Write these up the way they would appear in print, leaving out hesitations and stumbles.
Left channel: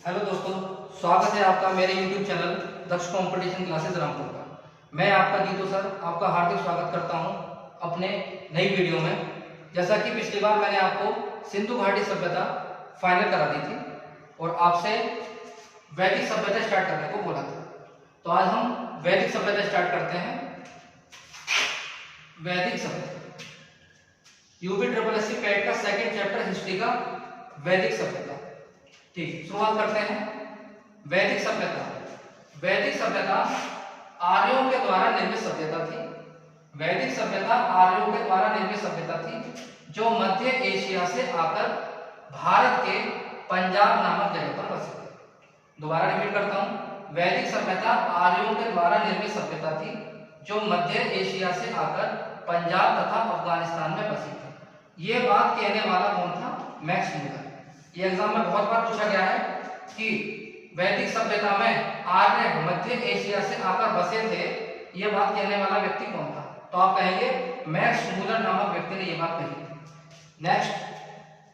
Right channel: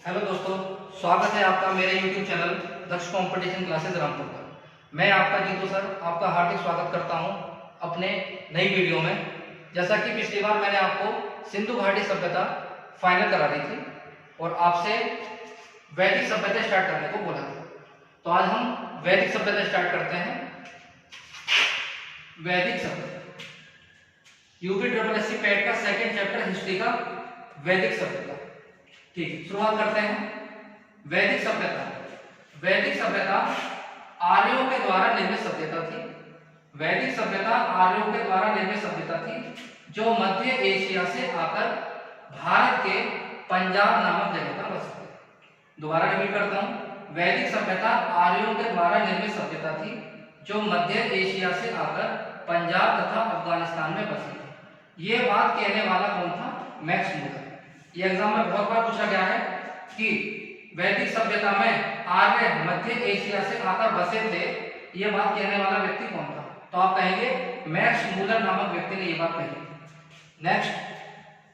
Hello दोस्तों, स्वागत है आपका मेरे YouTube चैनल दक्ष कंपटीशन क्लासेस रामपुर पर। मैं आपका जीतू सर आपका हार्दिक स्वागत करता हूं अपने नई वीडियो में। जैसा कि पिछली बार मैंने आपको सिंधु घाटी सभ्यता फाइनल करा दी थी और आपसे वैदिक सभ्यता स्टार्ट करने को बोला था, तो आज हम वैदिक सभ्यता स्टार्ट करते हैं। वैदिक सभ्यता यूपी पैट का सेकंड चैप्टर हिस्ट्री का वैदिक सभ्यता। ठीक, शुरुआत करते हैं। वैदिक सभ्यता आर्यों के द्वारा निर्मित सभ्यता थी। वैदिक सभ्यता आर्यों के द्वारा निर्मित सभ्यता थी जो मध्य एशिया से आकर भारत के पंजाब नामक जगह पर बस गई। दोबारा रिपीट करता हूं, वैदिक सभ्यता आर्यों के द्वारा निर्मित सभ्यता थी जो मध्य एशिया से आकर पंजाब तथा अफगानिस्तान में बसी थी। ये बात कहने वाला कौन था? Max Muller. ये एग्जाम में बहुत बार पूछा गया है कि वैदिक सभ्यता में आर्य मध्य एशिया से आकर बसे थे, ये बात कहने वाला व्यक्ति कौन था? तो आप कहेंगे मैक्स मूलर नामक व्यक्ति ने ये बात कही। नेक्स्ट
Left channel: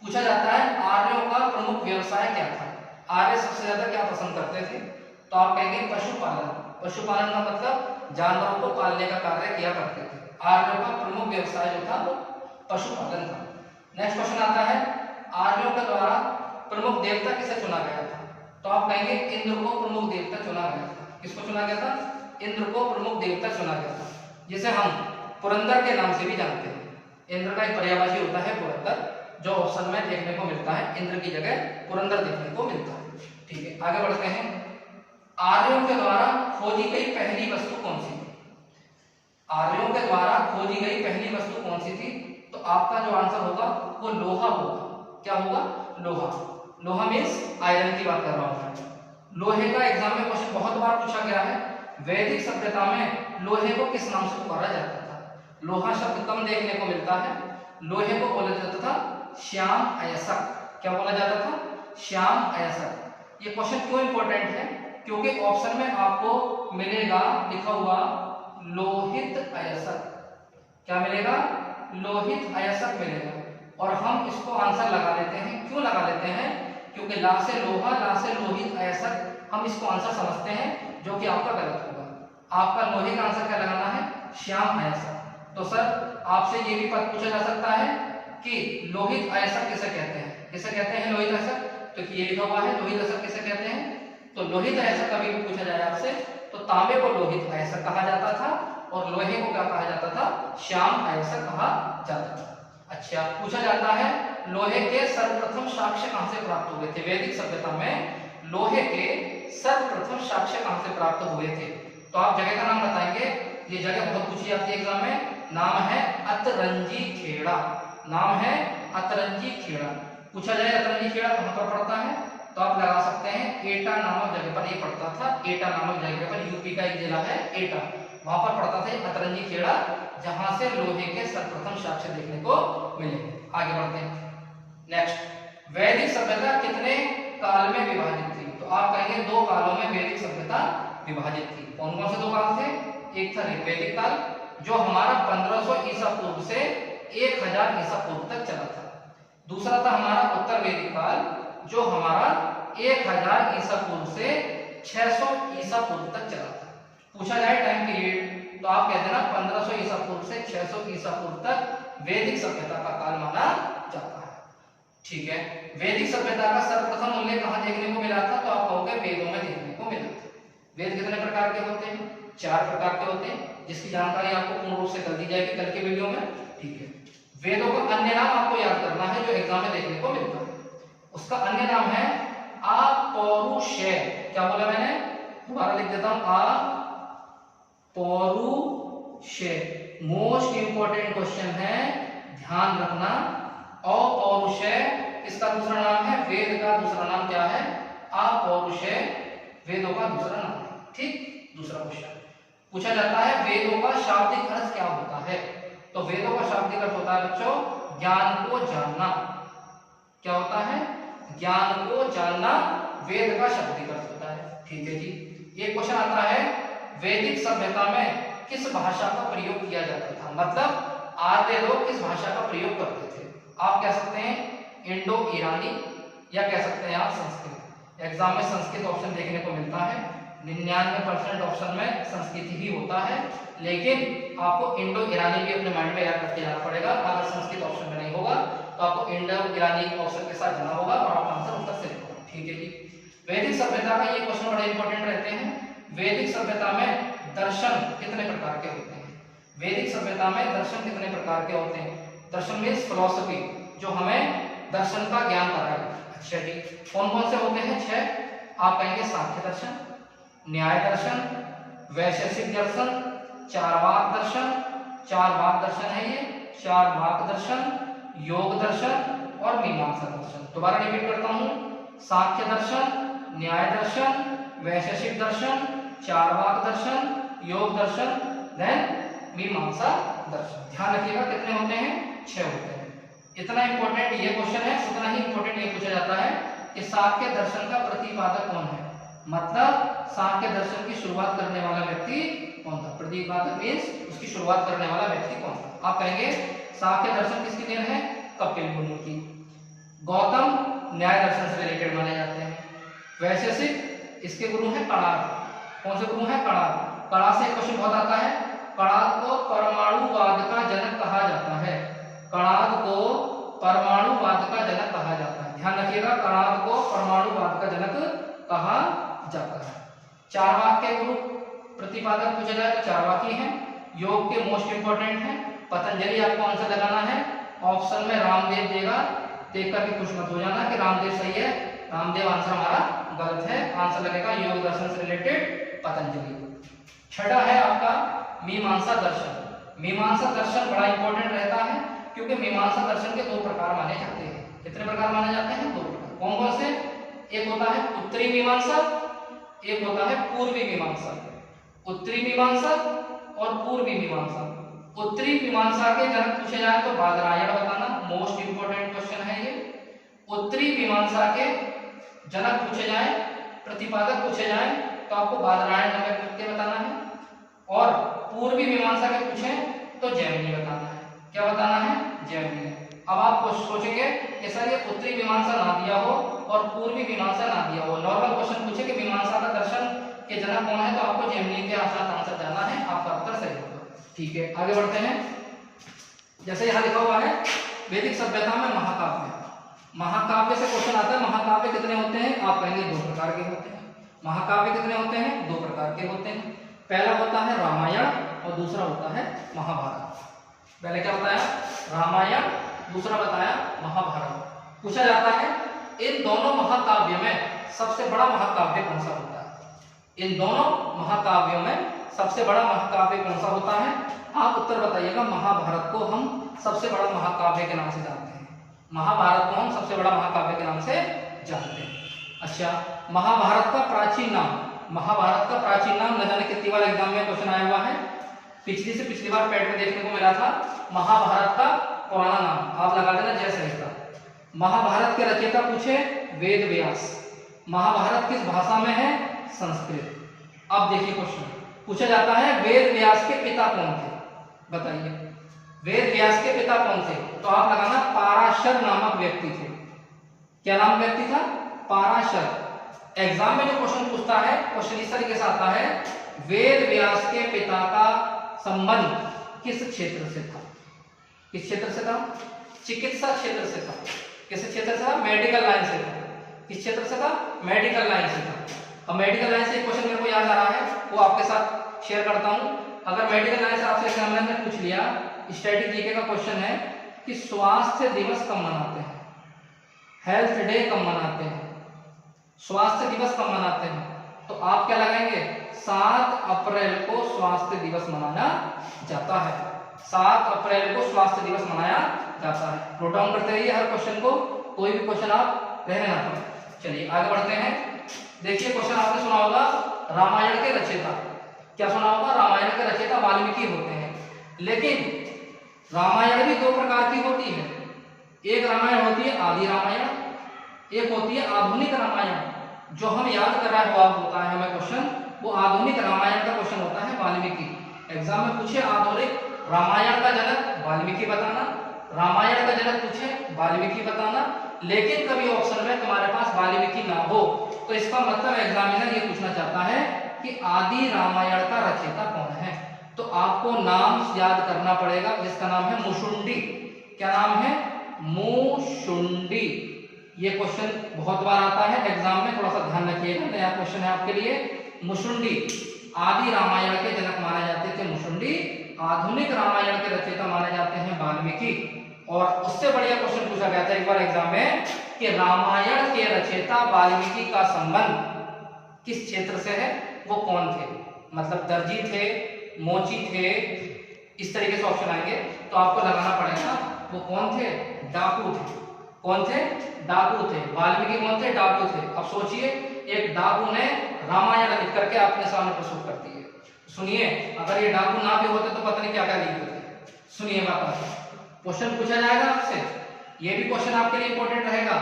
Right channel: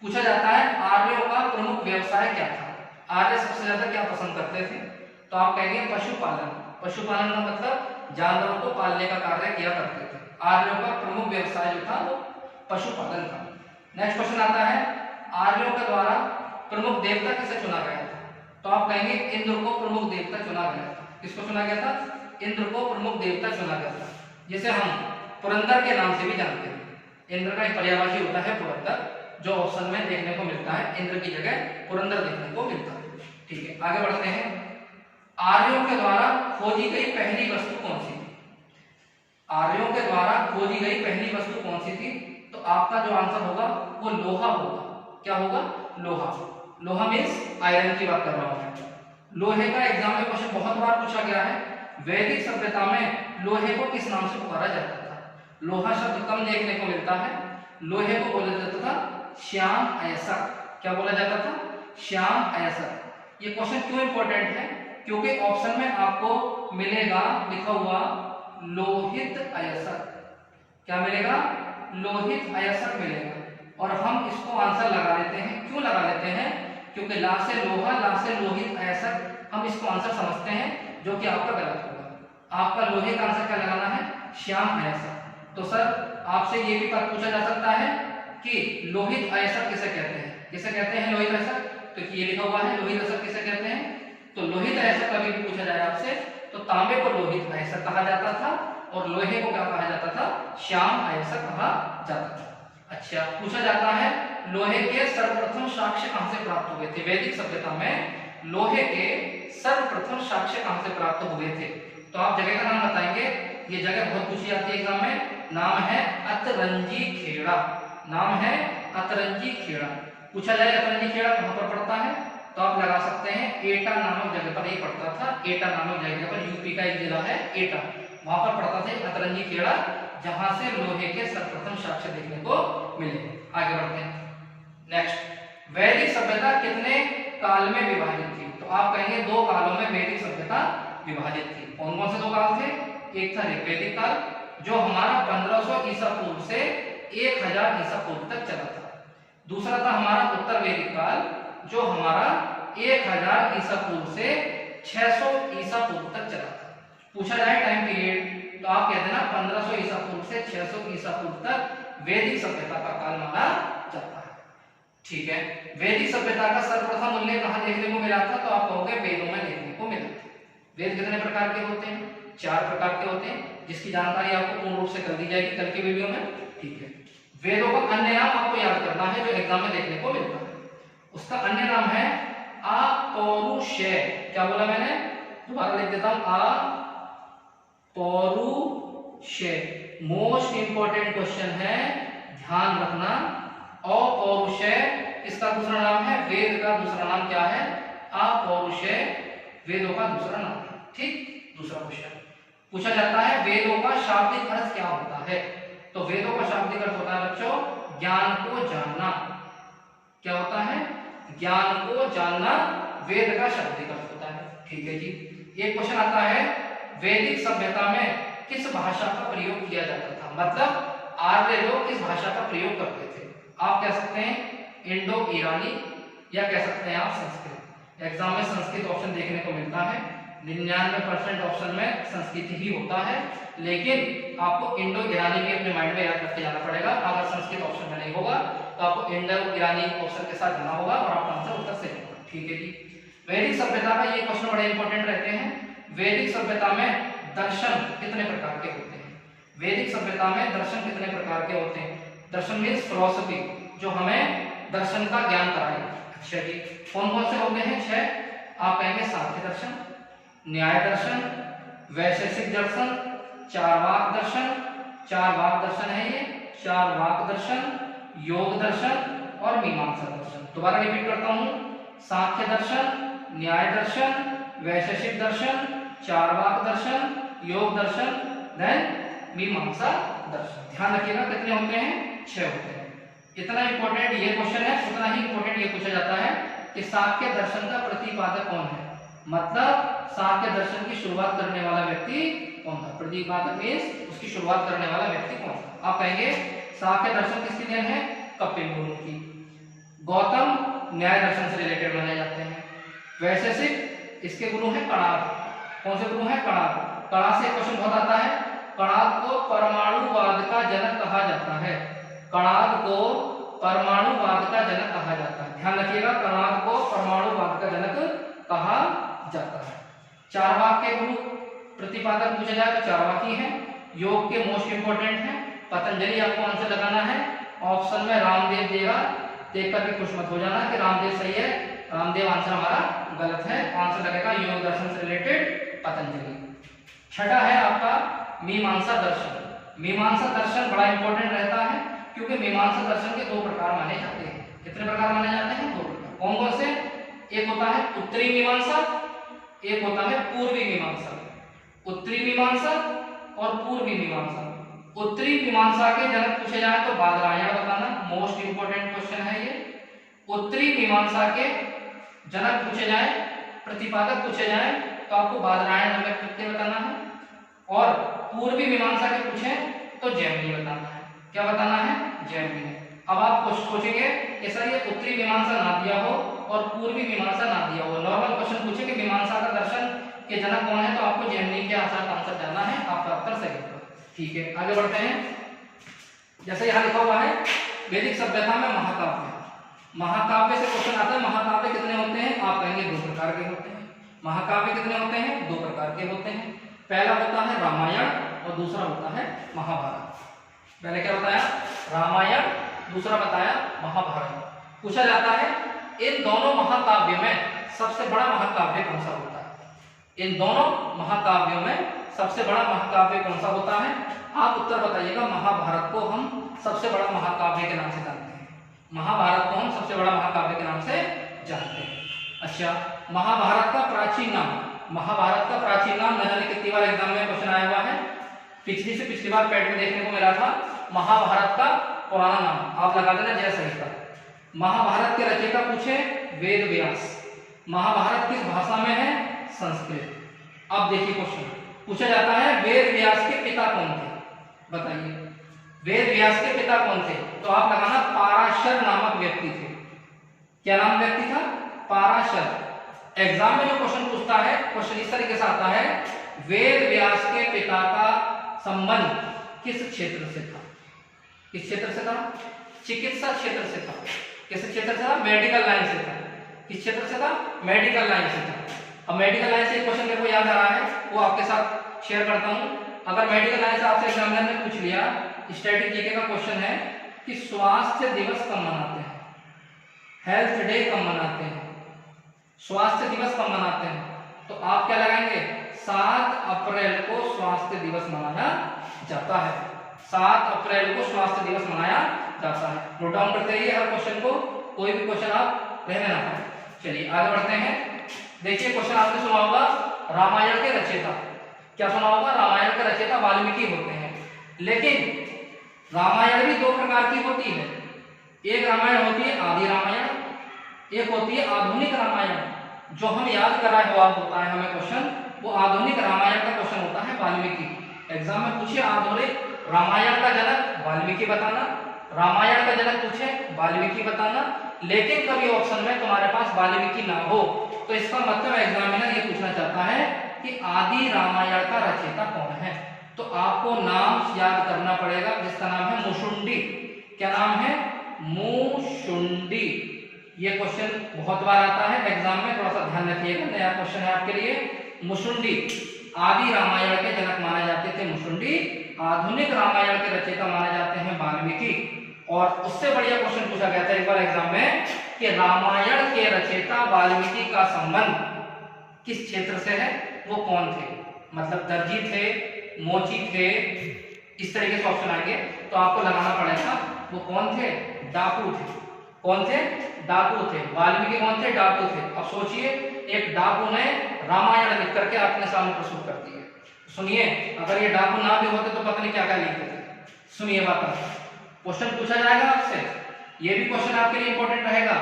पूछा जाता है आर्यों का प्रमुख व्यवसाय क्या था? आर्य सबसे ज्यादा क्या पसंद करते थे? तो आप कहेंगे पशुपालन। पशुपालन का मतलब जानवरों को पालने का कार्य किया करते थे। आर्यों का प्रमुख व्यवसाय जो था वो पशुपालन था। नेक्स्ट क्वेश्चन आता है आर्यों के द्वारा प्रमुख देवता किसे चुना गया था? तो आप कहेंगे इंद्र को प्रमुख देवता चुना गया था। किसको चुना गया था? इंद्र को प्रमुख देवता चुना गया था, जिसे हम पुरंदर के नाम से भी जानते हैं। इंद्र का एक पर्यायवाची होता है पुरंदर, जो ऑप्शन में देखने को मिलता है। इंद्र की जगह पुरंदर देखने को मिलता है। ठीक है, आगे बढ़ते हैं। आर्यों के द्वारा खोजी गई पहली वस्तु कौन सी थी? आर्यों के द्वारा खोजी गई पहली वस्तु कौन सी थी? तो आपका जो आंसर होगा वो लोहा होगा। क्या होगा? लोहा। लोहा मीन्स आयरन की बात कर रहा हूं मैं। लोहे का एग्जाम में क्वेश्चन बहुत बार पूछा गया है। वैदिक सभ्यता में लोहे को किस नाम से पुकारा जाता था? लोहा शब्द कम देखने को मिलता है। लोहे को बोला जाता था श्याम अयस्क। क्या बोला जाता था? श्याम अयस्क। ये क्वेश्चन क्यों इंपॉर्टेंट है? क्योंकि ऑप्शन में आपको मिलेगा लिखा हुआ लोहित अयस्क। क्या मिलेगा? लोहित अयस्क मिलेगा और हम इसको आंसर लगा लेते हैं। क्यों लगा लेते हैं? क्योंकि ला से लोहा, ला से लोहित अयस्क, हम इसको आंसर समझते हैं, जो कि आपका गलत होगा। आपका लोहे का आंसर क्या लगाना है? श्याम अयस्क। तो सर आपसे ये भी बात पूछा जा सकता है कि लोहित अयस्क किसे कहते हैं? किसे कहते हैं लोहित अयस्क? तो ये लिखा हुआ है लोहित अयस्क किसे कहते हैं। तो लोहित अयस्क कभी भी पूछा जाए आपसे तो तांबे को लोहित अयस्क कहा जाता था और लोहे को क्या कहा जाता था? श्याम अयस्क कहा जाता था। अच्छा, पूछा जाता है लोहे के सर्वप्रथम साक्ष्य कहां से प्राप्त हुए थे? वैदिक सभ्यता में लोहे के सर्वप्रथम साक्ष्य कहां से प्राप्त हुए थे? तो आप जगह का नाम बताएंगे। ये जगह बहुत पूछी जाती है एग्जाम में। नाम है अतरंजी खेड़ा। नाम है अतरंजी खेड़ा। पूछा जाए अतरंजी खेड़ा कहां पर पड़ता है? तो आप लगा सकते हैं एटा नामक जगह पर ये पड़ता था। एटा नामक जगह पर, यूपी का एक जिला है एटा, वहां पर पड़ता था अतरंजी खेड़ा, जहां से लोहे के सर्वप्रथम साक्ष्य देखने को मिले। आगे बढ़ते हैं। नेक्स्ट, वैदिक सभ्यता कितने काल में विभाजित थी? तो आप कहेंगे दो कालों में वैदिक सभ्यता विभाजित थी। कौन कौन से दो काल थे? एक था ऋग्वैदिक काल, जो हमारा 1500 ईसा पूर्व से 1000 ईसा पूर्व तक चला था। दूसरा था हमारा उत्तर वैदिक काल, जो हमारा 1000 ईसा पूर्व से 600 ईसा पूर्व तक चला था। पूछा जाए टाइम पीरियड तो आप कहते हैं ना 1500 ईसा पूर्व से 600 ईसा पूर्व तक वैदिक सभ्यता का काल माना जाता है। ठीक है, वैदिक सभ्यता का सर्वप्रथम उल्लेख कहां देखने को मिला था? तो आप कहोगे वेदों में देखने को मिला था। वेद कितने प्रकार के होते हैं? 4 प्रकार के होते हैं, जिसकी जानकारी आपको पूर्ण रूप से कर दी जाएगी कल के वीडियो में। ठीक है, वेदों का अन्य नाम आपको याद करना है जो एग्जाम में देखने को मिलता है। उसका अन्य नाम है अपौरुषेय। क्या बोला मैंने? दोबारा लिख देता हूं, अपौरुषेय। मोस्ट इंपॉर्टेंट क्वेश्चन है, ध्यान रखना। अपौरुषेय इसका दूसरा नाम है, वेद का दूसरा नाम क्या है? अपौरुषेय वेदों का दूसरा नाम है। ठीक, दूसरा क्वेश्चन पूछा जाता है वेदों का शाब्दिक अर्थ क्या होता है? तो वेदों का शाब्दिक अर्थ होता है बच्चों ज्ञान को जानना। क्या होता है? ज्ञान को जानना वेद का शाब्दिक अर्थ होता है। ठीक है जी। एक क्वेश्चन आता है वैदिक सभ्यता में किस भाषा का प्रयोग किया जाता था? मतलब आर्य लोग किस भाषा का प्रयोग करते थे? आप कह सकते हैं इंडो ईरानी या कह सकते हैं आप संस्कृत। एग्जाम में संस्कृत ऑप्शन देखने को मिलता है, 99% ऑप्शन में संस्कृत ही होता है, लेकिन आपको इंडो ईरानी भी अपने माइंड में याद करके जाना पड़ेगा। अगर संस्कृत ऑप्शन में नहीं होगा तो आपको इंडो ईरानी ऑप्शन के साथ जाना होगा और आपका आंसर उत्तर सही होगा। ठीक है जी। वैदिक सभ्यता का ये क्वेश्चन बड़े इंपॉर्टेंट रहते हैं। वैदिक सभ्यता में दर्शन कितने प्रकार के होते हैं? वैदिक सभ्यता में दर्शन कितने प्रकार के होते हैं? दर्शन मीन्स फिलॉसफी, जो हमें दर्शन का ज्ञान कराएगा। अच्छा जी, कौन कौन से होते हैं? 6 आप कहेंगे। सांख्य दर्शन, न्याय दर्शन, वैशेषिक दर्शन, चार्वाक दर्शन, चार्वाक दर्शन है ये, चार्वाक दर्शन, योग दर्शन और मीमांसा दर्शन। दोबारा रिपीट करता हूं, सांख्य दर्शन, न्याय दर्शन, वैशेषिक दर्शन, चार्वाक दर्शन, योग दर्शन, देन मीमांसा दर्शन। ध्यान रखिएगा कितने होते हैं? 6 होते हैं। इतना इंपॉर्टेंट ये क्वेश्चन है, उतना ही इंपॉर्टेंट ये पूछा जाता है कि सांख्य दर्शन का प्रतिपादक कौन है, मतलब सांख्य दर्शन की शुरुआत करने वाला व्यक्ति कौन था? प्रतिपादक मीन्स उसकी शुरुआत करने वाला व्यक्ति कौन था? आप कहेंगे सांख्य दर्शन किसकी देन है? कपिल मुनि की। गौतम न्याय दर्शन से रिलेटेड माने जाते हैं। वैशेषिक इसके गुरु हैं कणाद। कौन से गुरु हैं? कणाद। कणाद से क्वेश्चन बहुत आता है। कणाद को परमाणुवाद का जनक कहा जाता है। कणाद को परमाणुवाद का जनक कहा जाता है। ध्यान रखिएगा, कणाद को परमाणुवाद का जनक कहा जाता है। चार्वाक के गुरु प्रतिपादक पूछा जाए तो चार्वाकी हैं। योग के मोस्ट इंपोर्टेंट हैं पतंजलि। आपको आंसर लगाना है, ऑप्शन में रामदेव देगा, देख करके खुश मत हो जाना कि रामदेव सही है, रामदेव आंसर हमारा गलत है। आंसर लगेगा योग दर्शन से रिलेटेड पतंजलि। छठा है आपका मीमांसा दर्शन। मीमांसा दर्शन बड़ा इंपॉर्टेंट रहता है क्योंकि मीमांसा दर्शन के 2 प्रकार माने जाते हैं। कितने प्रकार माने जाते हैं? 2 प्रकार। कौन कौन से? एक होता है उत्तरी मीमांसा, एक होता है पूर्वी मीमांसा। उत्तरी मीमांसा और पूर्वी मीमांसा। उत्तरी मीमांसा के जनक पूछे जाए तो बादरायण बताना, मोस्ट इंपोर्टेंट क्वेश्चन है ये। उत्तरी मीमांसा के जनक पूछे जाए, प्रतिपादक पूछे जाए तो आपको बादरायण नामक व्यक्ति बताना है। और पूर्वी मीमांसा के पूछे तो जैमिनी बताना है। क्या बताना है? जैमिनी। अब आप सोचेंगे कि सर ये उत्तरी मीमांसा ना दिया हो और पूर्वी मीमांसा ना दिया हो, नॉर्मल क्वेश्चन पूछे कि मीमांसा का दर्शन के जनक कौन है, तो आपको जैमिनी के आसान आंसर जाना है, आपका उत्तर सही होगा। ठीक है, आगे बढ़ते हैं। जैसे यहाँ लिखा हुआ है वैदिक सभ्यता में महाकाव्य। महाकाव्य से क्वेश्चन आता है, महाकाव्य कितने होते हैं? आप कहेंगे 2 प्रकार के होते हैं। महाकाव्य कितने होते हैं? 2 प्रकार के होते हैं। पहला होता है रामायण और दूसरा होता है महाभारत। पहले क्या बताया? रामायण, दूसरा बताया महाभारत। पूछा जाता है इन दोनों महाकाव्यों में सबसे बड़ा महाकाव्य कौन सा होता है? इन दोनों महाकाव्यों में सबसे बड़ा महाकाव्य कौन सा होता है? आप उत्तर बताइएगा। महाभारत को हम सबसे बड़ा महाकाव्य के नाम से जानते हैं। महाभारत को हम सबसे बड़ा महाकाव्य के नाम से जानते हैं। अच्छा, महाभारत का प्राचीन नाम, महाभारत का प्राचीन नाम न जाने कितनी बार एग्जाम में क्वेश्चन आया हुआ है, पिछली बार पैट में देखने को मिला था। महाभारत का पुराना नाम आप लगा देना जय सही था। महाभारत के रचयिता पूछे वेद व्यास। महाभारत किस भाषा में है? संस्कृत। अब देखिए क्वेश्चन पूछा जाता है वेद व्यास के पिता कौन थे? बताइए वेद व्यास के पिता कौन थे? तो आप लगाना पाराशर नामक व्यक्ति थे। क्या नाम व्यक्ति था? पाराशर। एग्जाम में जो क्वेश्चन पूछता है क्वेश्चन इस तरीके से आता है, वेद व्यास के पिता का संबंध किस क्षेत्र से था? किस क्षेत्र से था? चिकित्सा क्षेत्र से था। किस क्षेत्र से था? मेडिकल लाइन से था। किस क्षेत्र से था? मेडिकल लाइन से था। अब मेडिकल लाइन से क्वेश्चन मेरे को याद आ रहा है, वो आपके साथ शेयर करता हूं। अगर मेडिकल लाइन से आपसे एग्जामिनर ने पूछ लिया, स्टैटिक जीके का क्वेश्चन है कि स्वास्थ्य दिवस कब मनाते हैं? हेल्थ डे कब मनाते हैं? स्वास्थ्य दिवस कब मनाते हैं? तो आप क्या लगाएंगे? 7 अप्रैल को स्वास्थ्य दिवस मनाया जाता है। 7 अप्रैल को स्वास्थ्य दिवस मनाया जाता है। नोट डाउन करते रहिए हर क्वेश्चन को, कोई भी क्वेश्चन आप रहने ना पाए। चलिए आगे बढ़ते हैं। देखिए क्वेश्चन आपने सुना होगा रामायण के रचयिता। क्या सुना होगा? रामायण के रचयिता वाल्मीकि होते हैं। लेकिन रामायण भी 2 प्रकार की होती है। एक रामायण होती है आदि रामायण, एक होती है आधुनिक रामायण। जो हम याद कर रहे हो होता है हमें क्वेश्चन, वो आधुनिक रामायण का क्वेश्चन होता है वाल्मीकि। एग्जाम में पूछे आधुनिक रामायण का जनक वाल्मीकि बताना, रामायण का जनक पूछे वाल्मीकि बताना, लेकिन कभी ऑप्शन में तुम्हारे पास वाल्मीकि ना हो तो इसका मतलब एग्जामिनर ये पूछना चाहता है कि आदि रामायण का रचयिता कौन है। तो आपको नाम याद करना पड़ेगा जिसका नाम है मुशुंडी। क्या नाम है? मुशुंडी। ये क्वेश्चन बहुत बार आता है एग्जाम में, थोड़ा सा ध्यान रखिएगा, नया क्वेश्चन है आपके लिए। मुशुंडी आदि रामायण के जनक माने जाते थे मुशुंडी, आधुनिक रामायण के रचयिता माने जाते हैं वाल्मीकि। और उससे बढ़िया क्वेश्चन पूछा गया था एक बार एग्जाम में कि रामायण के रचयिता वाल्मीकि का संबंध किस क्षेत्र से है, वो कौन थे? मतलब दर्जी थे, मोची थे, इस तरीके से ऑप्शन आएंगे तो आपको लगाना पड़ेगा वो कौन थे? डाकू थे। कौन थे? डाकू थे। वाल्मीकि कौन थे? डाकू थे। अब सोचिए एक डाकू ने रामायण लिख करके अपने सामने प्रस्तुत कर दी है। सुनिए, अगर ये डाकू ना भी होते तो पता नहीं क्या क्या लिखते थे। सुनिए बात, क्वेश्चन पूछा जाएगा आपसे, ये भी क्वेश्चन आपके लिए इंपॉर्टेंट रहेगा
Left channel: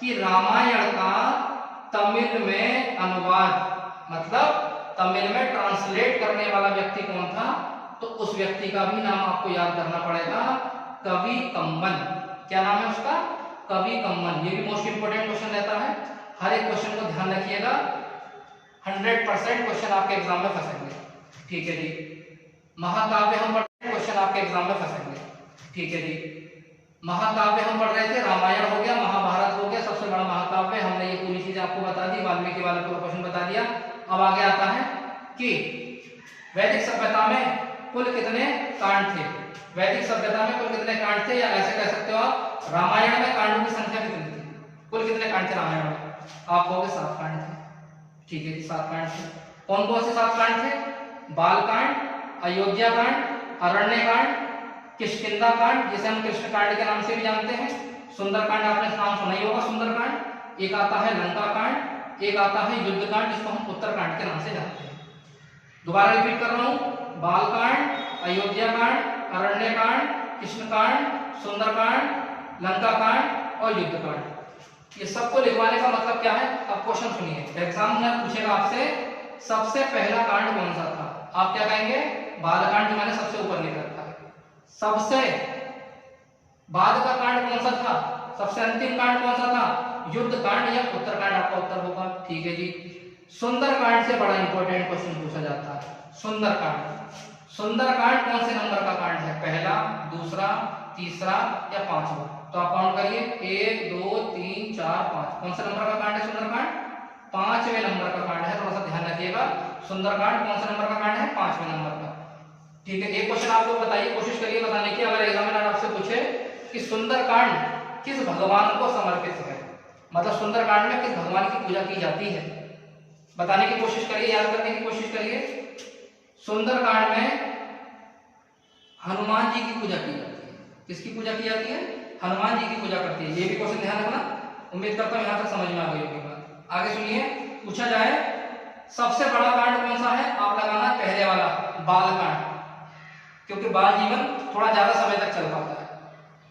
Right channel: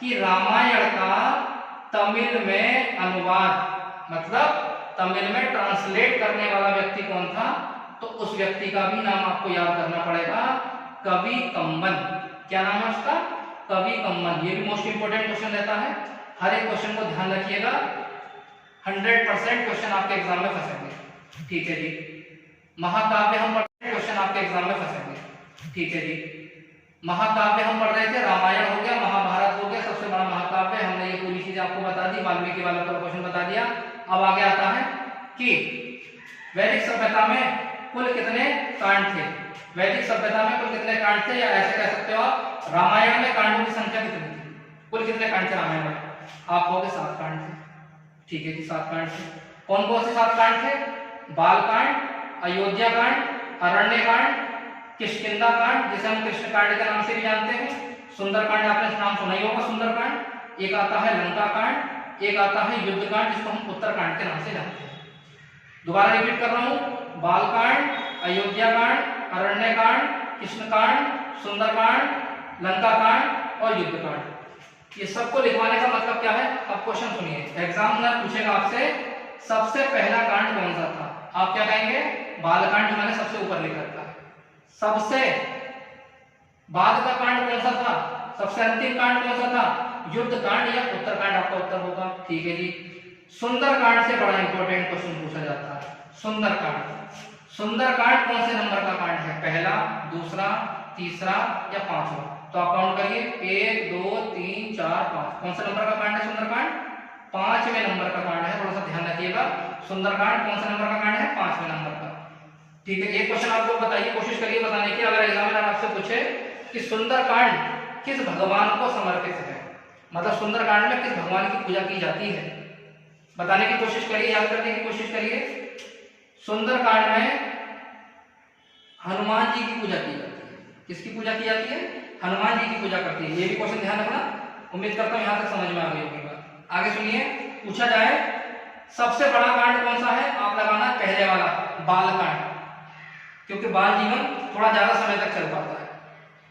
कि रामायण का तमिल में अनुवाद मतलब तमिल में ट्रांसलेट करने वाला व्यक्ति कौन था? तो उस व्यक्ति का भी नाम आपको याद करना पड़ेगा, कवि कम्बन। क्या नाम है उसका? कवि कम्बन। ये भी मोस्ट इंपोर्टेंट क्वेश्चन रहता है, हर एक क्वेश्चन को ध्यान रखिएगा, 100% क्वेश्चन आपके एग्जाम में फंसेंगे। ठीक है जी। महाकाव्य हम पढ़, क्वेश्चन आपके एग्जाम में फंसेंगे। ठीक है जी। महाकाव्य हम पढ़ रहे थे, रामायण हो गया, महाभारत हो गया, सबसे बड़ा महाकाव्य, हमने ये पूरी चीजें आपको बता दी, वाल्मीकि वाले पूरा क्वेश्चन बता दिया। अब आगे आता है कि वैदिक सभ्यता में कुल कितने कांड थे? वैदिक सभ्यता में कुल कितने कांड थे, या ऐसे कह सकते हो आप रामायण में कांडों की संख्या कितनी थी? कुल कितने कांड थे रामायण में? आप कहोगे 7 कांड थे। ठीक है जी, 7 कांड थे। कौन कौन से 7 कांड थे? बालकांड, अयोध्या कांड, अरण्य कांड, किष्किंधा कांड जिसे हम कृष्ण कांड के नाम से भी जानते हैं, सुंदर कांड आपने नाम सुना ही होगा सुंदर कांड, एक आता है लंका कांड, एक आता है युद्ध कांड जिसको हम उत्तर कांड के नाम से जानते हैं। दोबारा रिपीट कर रहा हूं, बालकांड, अयोध्या कांड, अरण्य कांड, कृष्ण कांड, सुंदर कांड, लंका कांड और युद्ध कांड। ये सबको लिखवाने का मतलब क्या है? अब क्वेश्चन सुनिए, एग्जामिनर पूछेगा आपसे सबसे पहला कांड कौन सा था? आप क्या कहेंगे? बालकांड, जो मैंने सबसे ऊपर लिख रखा है। सबसे बाद का कांड कौन सा था? सबसे अंतिम कांड कौन सा था? युद्ध कांड या उत्तर कांड आपका उत्तर होगा। ठीक है जी। सुंदर कांड से बड़ा इंपॉर्टेंट क्वेश्चन पूछा जाता है, सुंदर कांड। सुंदर कांड कौन से नंबर का कांड है? पहला, दूसरा, तीसरा या पांचवा? तो आप काउंट करिए, 1 2 3 4 5। कौन सा नंबर का कांड है सुंदर कांड? 5वें नंबर का कांड है। थोड़ा सा ध्यान रखिएगा, सुंदर कांड कौन सा नंबर का कांड है? 5वें नंबर का। ठीक है, एक क्वेश्चन आपको बताइए, कोशिश करिए बताने की, अगर एग्जामिनर आपसे पूछे कि सुंदर कांड किस भगवान को समर्पित है, मतलब सुंदर कांड में किस भगवान की पूजा की जाती है, बताने की कोशिश करिए, याद करने की कोशिश करिए। सुंदर कांड में हनुमान जी की पूजा की जाती है। किसकी पूजा की जाती है? हनुमान जी की पूजा करती है। ये भी क्वेश्चन ध्यान रखना, उम्मीद करता हूं यहां तक समझ में आ गई होगी बात। आगे सुनिए, पूछा जाए सबसे बड़ा कांड कौन सा है? आप लगाना पहले वाला, बाल कांड, क्योंकि बाल जीवन थोड़ा ज्यादा समय तक चल पाता है।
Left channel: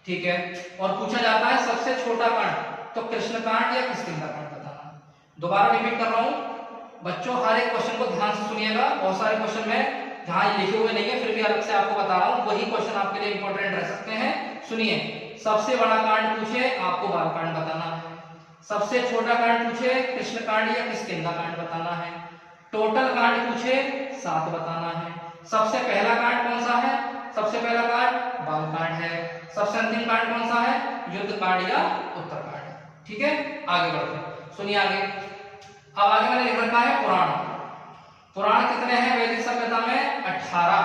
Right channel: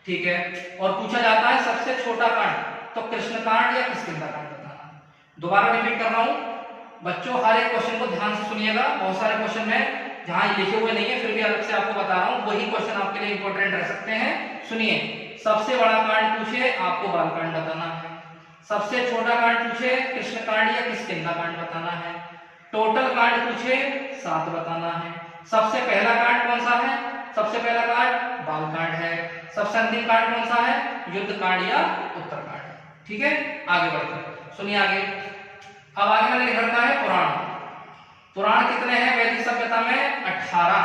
ठीक है। और पूछा जाता है सबसे छोटा कांड, तो कृष्ण कांड या किष्किंधा कांड बताना। दोबारा रिपीट कर रहा हूं बच्चों, हर एक क्वेश्चन को ध्यान से सुनिएगा, बहुत सारे क्वेश्चन में जहां लिखे हुए नहीं है फिर भी अलग से आपको बता रहा हूं, वही क्वेश्चन आपके लिए इंपॉर्टेंट रह सकते हैं। सुनिए, सबसे बड़ा कांड पूछे आपको बाल कांड बताना है, सबसे छोटा कांड पूछे कृष्ण कांड या किष्किंधा कांड बताना है, टोटल कांड पूछे 7 बताना है। सबसे पहला कांड कौन सा है? सबसे पहला कांड बाल कांड है। सबसे अंतिम कांड कौन सा है? युद्ध कांड या उत्तर कांड है। ठीक है, आगे बढ़ते हैं, सुनिए आगे। अब आगे मैंने लिख रखा है पुराण। पुराण कितने हैं वैदिक सभ्यता में? 18।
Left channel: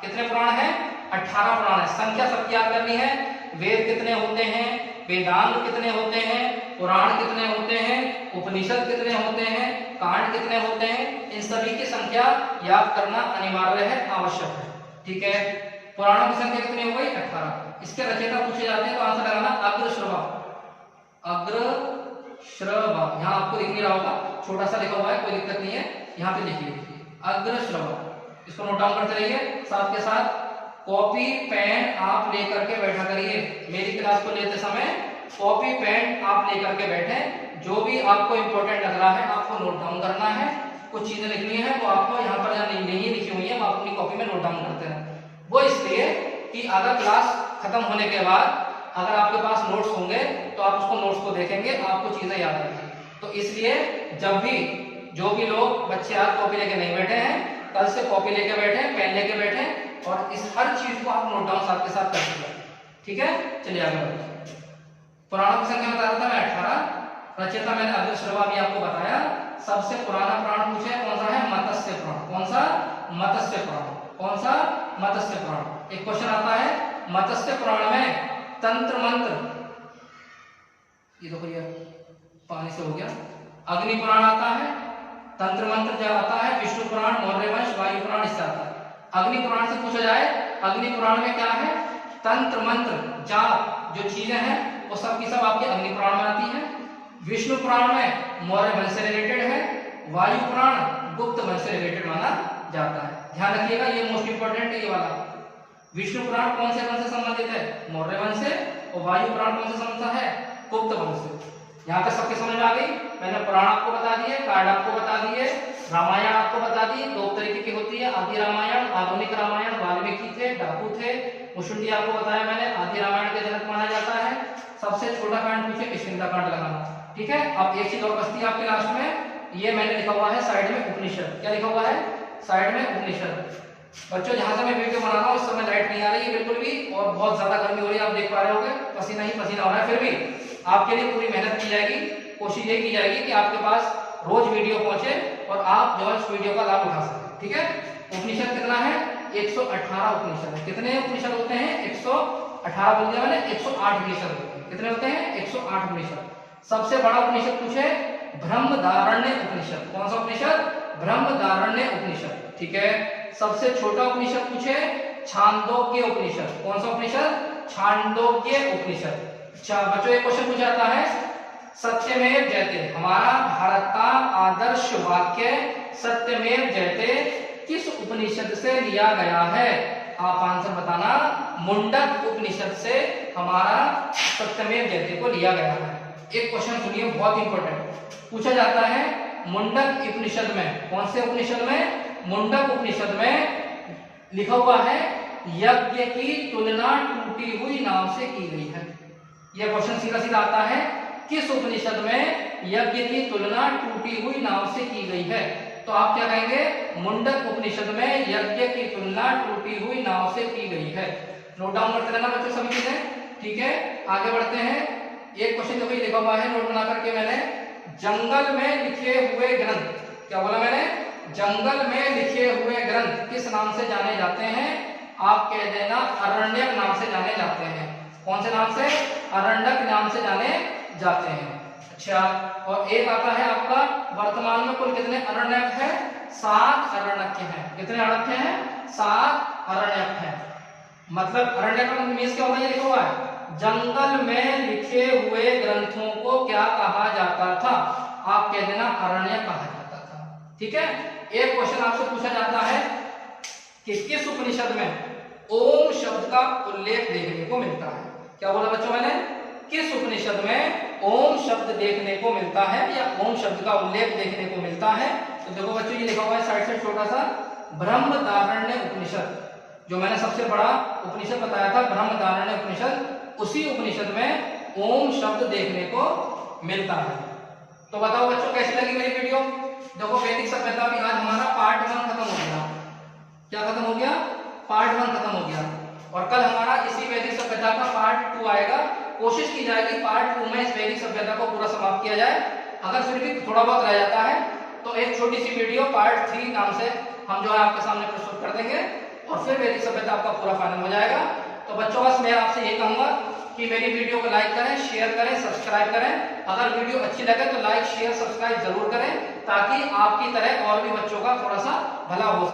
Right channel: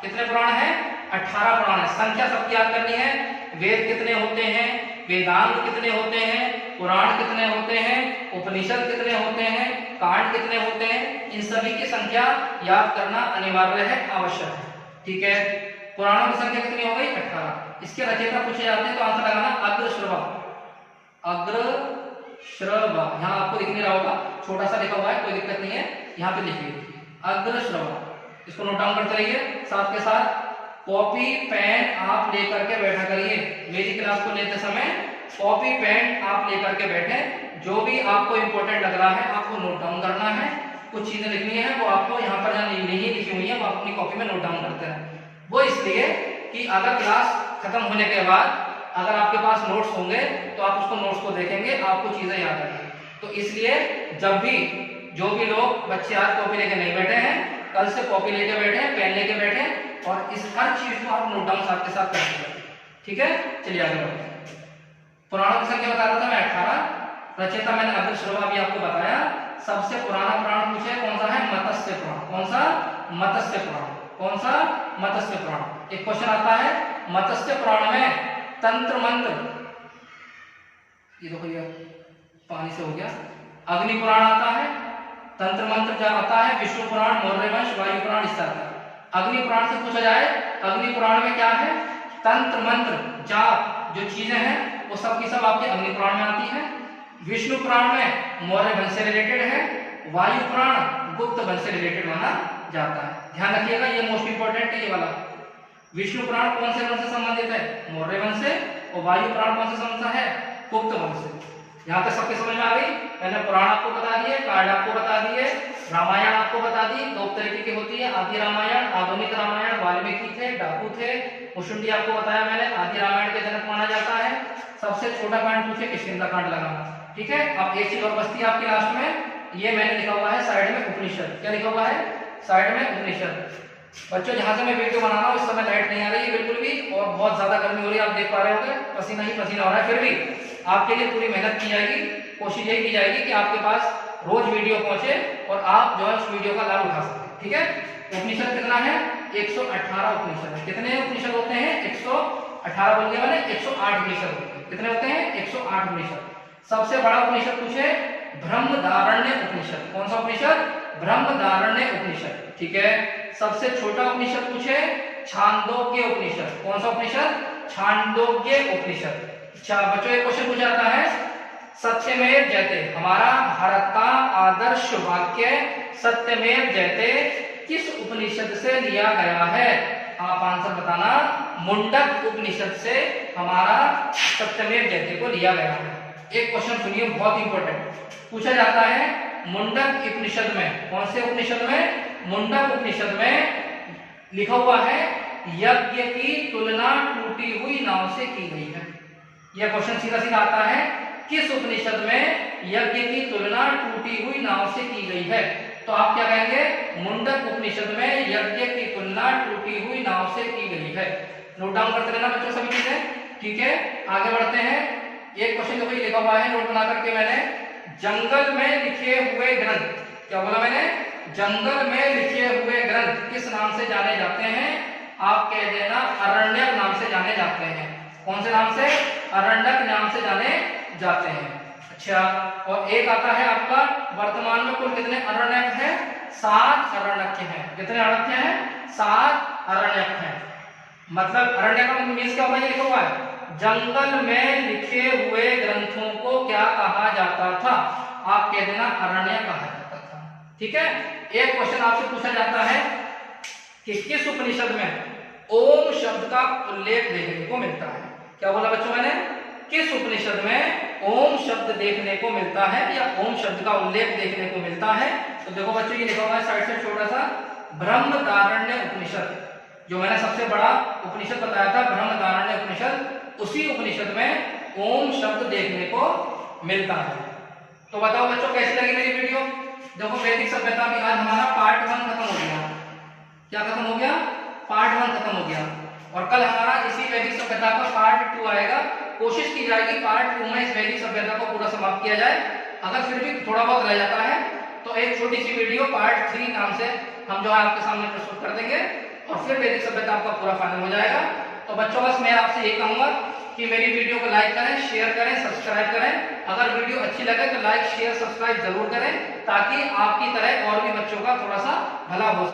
कितने पुराण हैं? 18 पुराण है। संख्या सबकी याद करनी है। वेद कितने होते हैं, वेदांत कितने होते हैं, पुराण कितने होते हैं, उपनिषद कितने होते हैं, कांड कितने होते हैं, इन सभी की संख्या याद करना अनिवार्य है, आवश्यक है। ठीक है, पुराणों की संख्या कितनी हो गई? 18। इसके रचयिता पूछे जाते हैं तो आंसर लगाना अग्रश्रवा। अग्रश्रवा यहाँ आपको दिख नहीं रहा होगा, छोटा सा लिखा हुआ है, कोई दिक्कत नहीं है, यहाँ पे लिखिए अग्रश्रवा। इसको नोट डाउन करते रहिए, साथ के साथ कॉपी पेन आप लेकर के बैठा करिए। मेरी क्लास को लेते समय कॉपी पेन आप लेकर के बैठे, जो भी आपको इंपॉर्टेंट लग रहा है आपको नोट डाउन करना है। कुछ चीजें लिखनी है वो आपको यहाँ पर नहीं लिखी हुई है, आप अपनी कॉपी में नोट डाउन करते हैं। वो इसलिए कि अगर क्लास खत्म होने के बाद अगर आपके पास नोट्स होंगे तो आप उसको नोट्स को देखेंगे, आपको चीजें याद आएंगी। तो इसलिए जब भी जो भी लोग बच्चे आज कॉपी लेके नहीं बैठे हैं, कल से कॉपी लेके बैठे, पेन लेके बैठे और इस हर चीज को आप नोट डाउन साथ के साथ कर सकते। ठीक है, चलिए आगे बढ़ते हैं। पुराणों की संख्या बता रहा था मैं 18। रचयिता मैंने अब्दुल शर्मा भी आपको बताया। सबसे पुराना पुराण पूछे कौन सा है? मत्स्य पुराण। कौन सा? मत्स्य पुराण। कौन सा? मत्स्य पुराण। एक क्वेश्चन आता है मत्स्य पुराण में तंत्र मंत्र, ये देखो ये पानी से हो गया, अग्नि पुराण आता है, तंत्र मंत्र जब आता है, विष्णु पुराण, मौर्य वंश, वायु पुराण, इससे आता है। अग्नि पुराण से पूछा जाए, अग्नि पुराण में क्या है? तंत्र मंत्र जाप जो चीजें हैं वो सब की सब आपके अग्नि पुराण में आती है। विष्णु पुराण में मौर्य वंश से रिलेटेड है, वायु पुराण गुप्त वंश से रिलेटेड माना जाता है। ध्यान रखिएगा, ये मोस्ट इंपोर्टेंट है ये वाला। विष्णु पुराण कौन से वंश से संबंधित है? मौर्य वंश से। और वायु पुराण कौन से संबंधित है? गुप्त वंश से। यहाँ तक सबके समझ में आ गई? मैंने पुराण आपको बता दिए, कार्ड आपको बता दिए, रामायण आपको बता दी, दो तरीके की होती है, आदि रामायण, आधुनिक रामायण, वाल्मीकि थे, डाकू थे, मुशुंडी आपको बताया मैंने, आदि रामायण के जनक माना जाता है। सबसे छोटा कांड पूछे किष्किंधा कांड लगाना। ठीक है, अब एक चीज और बचती है आपके लास्ट में, ये मैंने लिखा हुआ है साइड में उपनिषद। क्या लिखा हुआ है? साइड में उपनिषद। बच्चों जहां से मैं वीडियो बना रहा हूँ इस समय लाइट नहीं आ रही है बिल्कुल भी, और बहुत ज्यादा गर्मी हो रही है, आप देख पा रहे होंगे, पसीना ही पसीना हो रहा है। फिर भी आपके लिए पूरी मेहनत की जाएगी, कोशिश यही की जाएगी कि आपके पास रोज वीडियो पहुंचे और आप जो है उस वीडियो का लाभ उठा सकें। ठीक है, उपनिषद कितना है? 118 उपनिषद है। कितने उपनिषद होते हैं? 118 बोलने वाले 108 उपनिषद होते हैं। कितने होते हैं? 108 उपनिषद। सबसे बड़ा उपनिषद पूछे बृहदारण्यक उपनिषद। कौन सा उपनिषद? बृहदारण्यक उपनिषद। ठीक है, सबसे छोटा उपनिषद पूछे छांदोग्य उपनिषद। कौन सा उपनिषद? छांदोग्य उपनिषद। अच्छा बच्चों एक क्वेश्चन पूछा जाता है, सत्यमेव जयते, हमारा भारत का आदर्श वाक्य सत्यमेव जयते किस उपनिषद से लिया गया है? आप आंसर बताना। मुंडक उपनिषद से हमारा सत्यमेव जयते को लिया गया है। एक क्वेश्चन सुनिए बहुत इंपॉर्टेंट, पूछा जाता है मुंडक उपनिषद में, कौन से उपनिषद में? मुंडक उपनिषद में लिखा हुआ है यज्ञ की तुलना टूटी हुई नाव से की गई है। यह क्वेश्चन सीधा सीधा आता है, किस उपनिषद में यज्ञ की तुलना टूटी हुई नाव से की गई है? तो आप क्या कहेंगे? मुंडक उपनिषद में यज्ञ की तुलना टूटी हुई नाव से की गई है। नोट डाउन करते रहना बच्चों सभी चीजें। ठीक है, आगे बढ़ते हैं। एक क्वेश्चन देखो लिखा हुआ है, नोट बना करके मैंने, जंगल में लिखे हुए ग्रंथ, क्या बोला मैंने? जंगल में लिखे हुए ग्रंथ किस नाम से जाने जाते हैं? आप कह देना अरण्यक नाम से जाने जाते हैं। कौन से नाम से? अरण्यक नाम से जाने जाते हैं। अच्छा, और एक आता है आपका, वर्तमान में कुल कितने अरण्यक हैं? 7 अरण्यक हैं। कितने अरण्यक हैं? 7 अरण्यक हैं। मतलब अरण्यक का मीन्स क्या हुआ? ये लिखा हुआ है जंगल में लिखे हुए ग्रंथों को क्या कहा जाता था? आप कह देना अरण्यक कहा जाता था। ठीक है, एक क्वेश्चन आपसे पूछा जाता है कि किस उपनिषद में ओम शब्द का उल्लेख देखने को मिलता है? क्या बोला बच्चों मैंने? किस उपनिषद में ओम शब्द देखने को मिलता है या ओम शब्द का उल्लेख देखने को मिलता है? तो देखो बच्चों ये लिखा हुआ है साइड से छोटा सा, बृहदारण्यक उपनिषद, जो मैंने सबसे बड़ा उपनिषद बताया था बृहदारण्यक उपनिषद, उसी उपनिषद में ओम शब्द देखने को मिलता है। तो बताओ बच्चों कैसी लगी मेरी वीडियो? देखो वैदिक सभ्यता भी आज हमारा पार्ट 1 खत्म हो गया। क्या खत्म हो गया? पार्ट 1 खत्म हो गया, और कल हमारा इसी वैदिक सभ्यता का पार्ट 2 आएगा। कोशिश की जाएगी पार्ट 2 में इस वैदिक सभ्यता को पूरा समाप्त किया जाए। अगर फिर भी थोड़ा बहुत रह जाता है तो एक छोटी सी वीडियो पार्ट 3 नाम से हम जो है आपके सामने प्रस्तुत कर देंगे, और फिर वैदिक सभ्यता आपका पूरा फाइनल हो जाएगा। तो बच्चों बस मैं आपसे यही कहूंगा कि मेरी वीडियो को लाइक करें, शेयर करें, सब्सक्राइब करें। अगर वीडियो अच्छी लगे तो लाइक शेयर सब्सक्राइब जरूर करें, ताकि आपकी तरह और भी बच्चों का थोड़ा सा भला हो।